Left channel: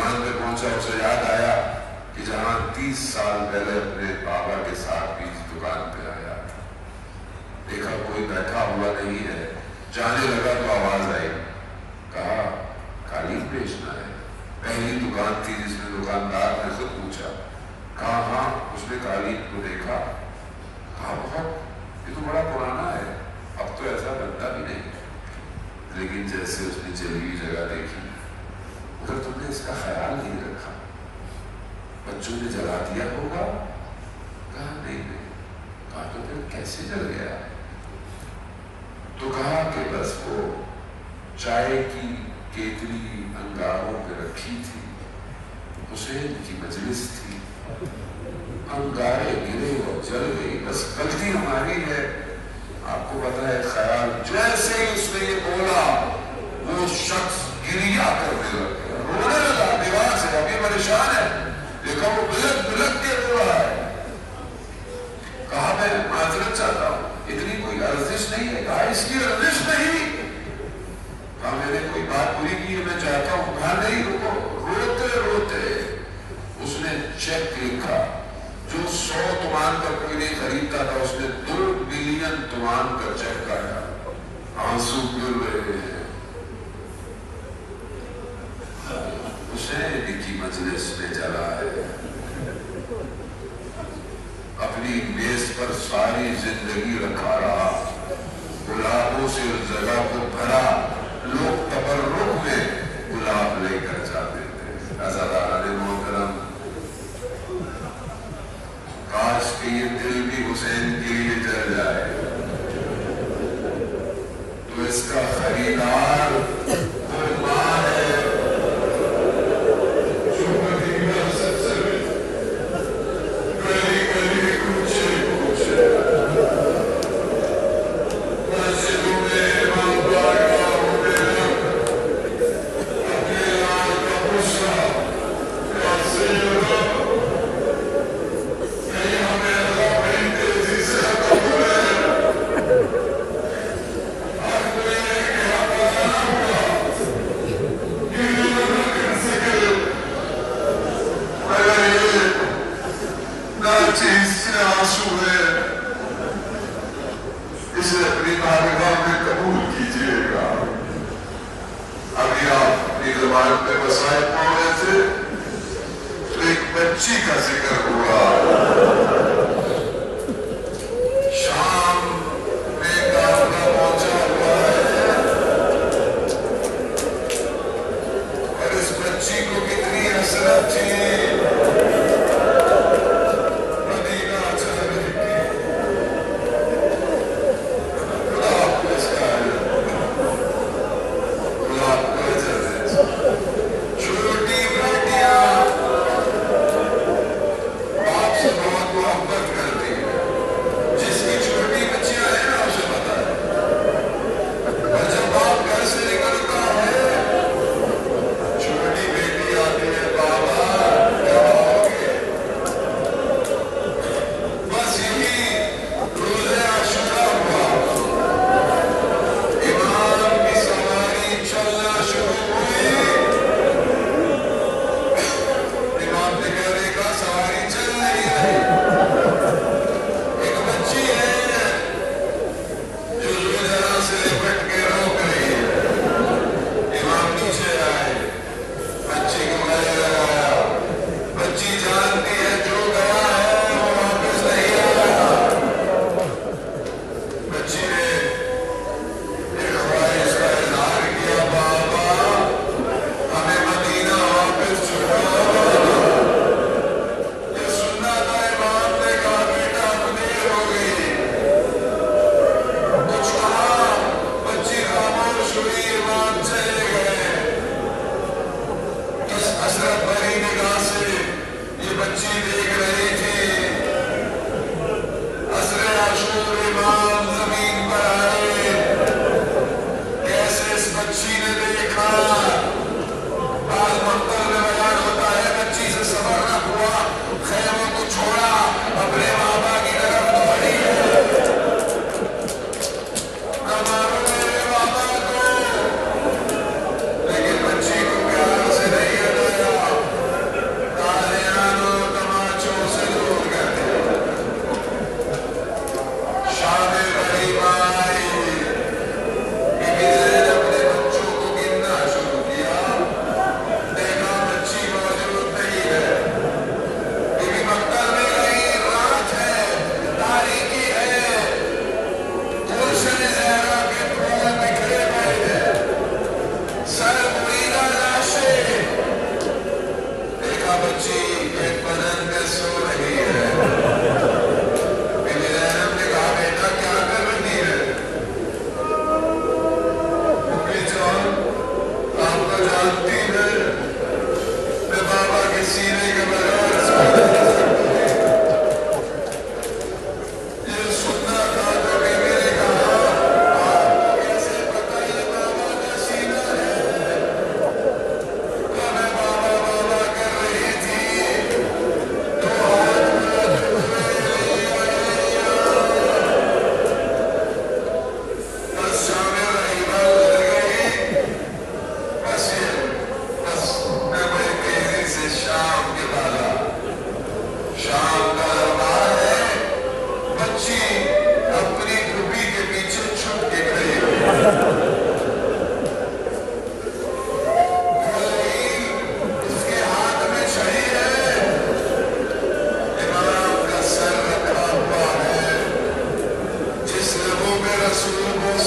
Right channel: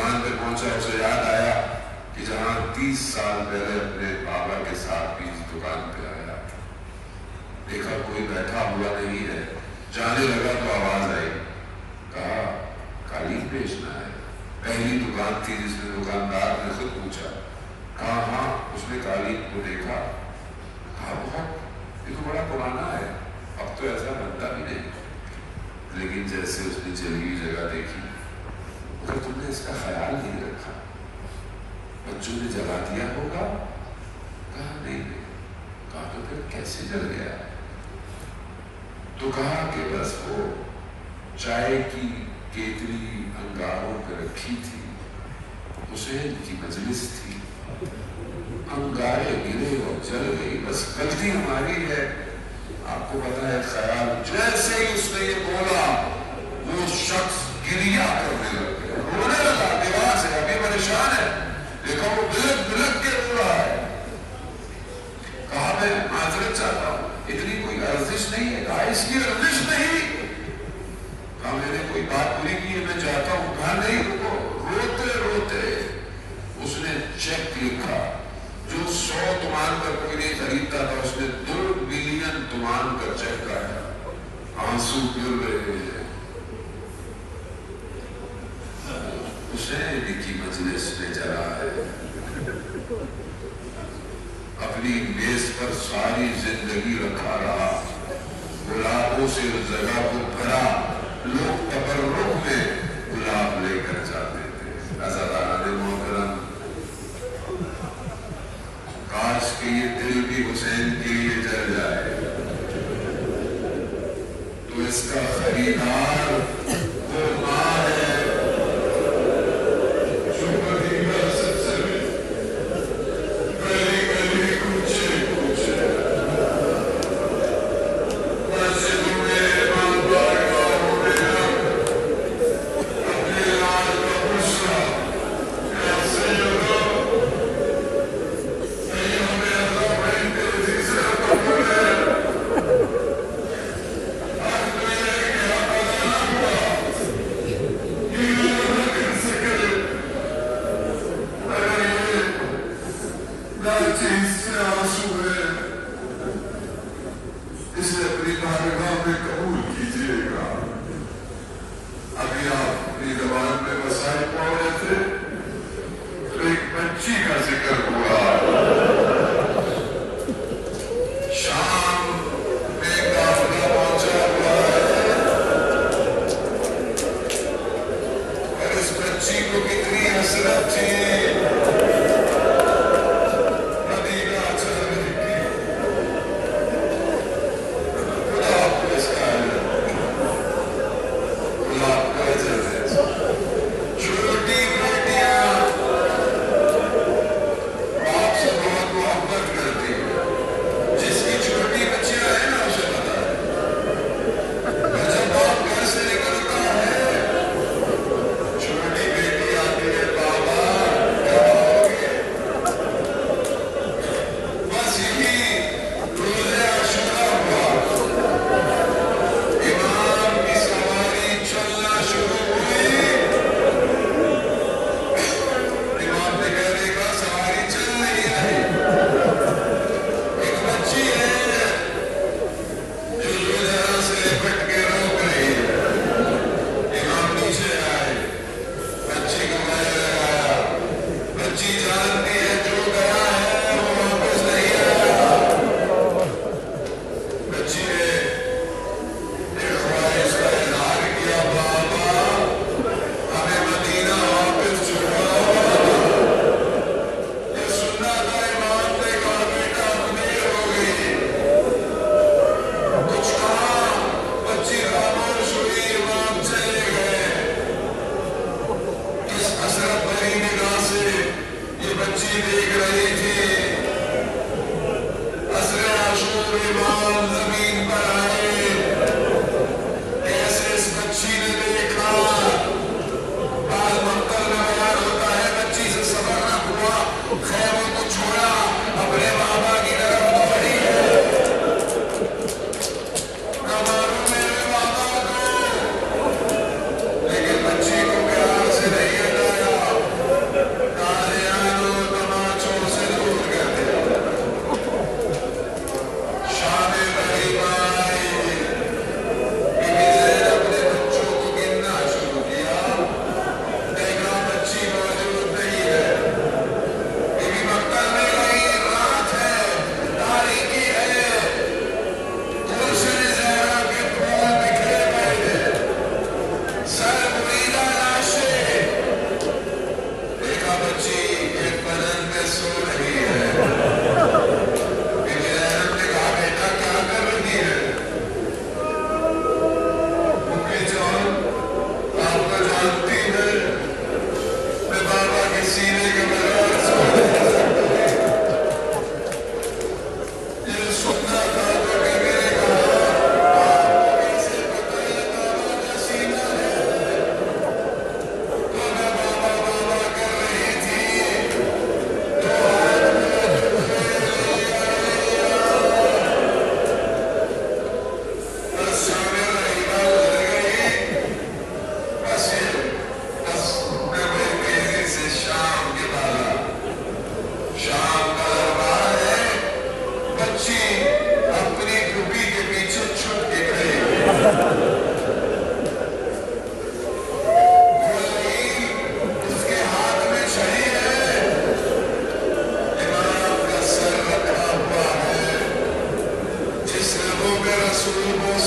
दुकान पे पहुंचा, उसे याद आया कि जहां 30 साल पहले अपने बाबा के साथ भी इस दुकान पे आया, देखा कोई बैठा हुआ नहीं है, जाने लगा तो आवाज आई, कहा कालीन बेचना है। पहली दुकान थी जिसमें दुकानदार ने खुद पूछा, कहा हाँ। उसने कालीन को देखा, कहा बहुत, ये तो बड़ा पुराना है, अब तो ऐसा बनता भी नहीं। लेकिन जैसे उसने जली हुई जगह देखी, अगर तुमने इसका ख्याल नहीं रखा, बच्चों ने जला दिया होगा। कहा नहीं। कहा तो फिर कैसे जल गया? तो कहा कि बस वो चाय की केतली अंगारों पे रखी थी, हुसैन की मजलिस थी, अंगारे गिरे और जल गई, बस गलती हमारी है। आपको पता है ख्याल, जैसे ही उसने ये बोला वो शख्स गिरिया करने लग गया, रोने लगा, दीवार से अभी परेशान है, देखो वो बिलक बिलक के रो रहा है। कहा मैं माजरत चाहता हूँ, इतनी कोई अर्जिश नहीं है। कहा इसकी अर्जिश नहीं। कहा मैंने कोई बात पूरी की है, मैं चाहता हूँ। कहा नहीं, रुको। रोते रोते उसने चेक लिखा, जो 100 तुमान पर कोई नहीं खरीदता था, उसने 2 मिलियन तुमान का चेक काटा। आंसू गिर रहे हैं। हुसैन की मजलिस में जला है, अपनी मेज पर सारी जिंदगी रखा रहा, गुलाबों से उस जगह को भरा, लोग तबर्रुक में गुलाब लेकर जाते थे। अज़ादाराने मोहतरम, काश के ये दिल भी हुसैन के लिए जल जाए, तो इसका खरीदार वो माँ है जो मदीना सबसे गली गली कूचे कूचे मस्जिदों में इमाम बारगाह होने लग, अपने लाल का गुस्सा कैसे लगा, नहीं हमें अल्लाह बड़ी तेजी से कबूल है। आज मैंने क्या बताना हुआ, ये लोग कैसे करे, अगर ये नाचीज से आंसू है, इसे अपनी बारगाह में कबूल कीजिएगा। अभी आप अपनी ज़बान पे वसाइल पढ़ रहे थे, तो एक बच्ची का जिक्र हुआ। शाम में काफिला पहुंचा हुआ है, और इस बच्ची को कितनी हसरत थी मदीना चलने की। खुदा आपको इसका खुदा आपको अजर दे। छोटी बेटियां बाप से बहुत मोहब्बत करती है, जिसकी छोटी बच्चियां हैं ना उसे पता है। और जब बाप घर से निकलता है, छोटी बेटी आती है, बाबा क्या होगे? बस यही रोज़े आशूरा हुआ, इमाम की सवारी चलना शुरू हुई। इमाम ने कहने का सवारी चल नहीं रही, एक बच्ची है जो जरा से लिपट के रोक रही है। इमाम नीचे आए, बच्ची को गले लगाया। बच्ची जानती है जो गया है वो वापस नहीं आएगा। बच्ची ने एक ख्वाहिश का इजहार किया, बाबा हमें मदीना वापस छुड़ाओ। ये सुनना था, इमाम ने कहा बेटा अमीर हो गई। कुछ कहा, बच्ची खामोश हुई, इमाम चले गए। किस हसरत भरी निगाह से ये बच्ची देख रही थी। असरे आशूर इमाम जमीन पर आए, कैसे इस बच्ची ने देखा। बाल मक्तल में बयान होता है, बच्ची से सबर न हुआ, खैरों को छोड़ा, अपने बाबा की तरफ दौड़ी है। न मालूम मेरे बाबा को, लेकिन बच्ची को प्यार से नहीं हटाया। صبح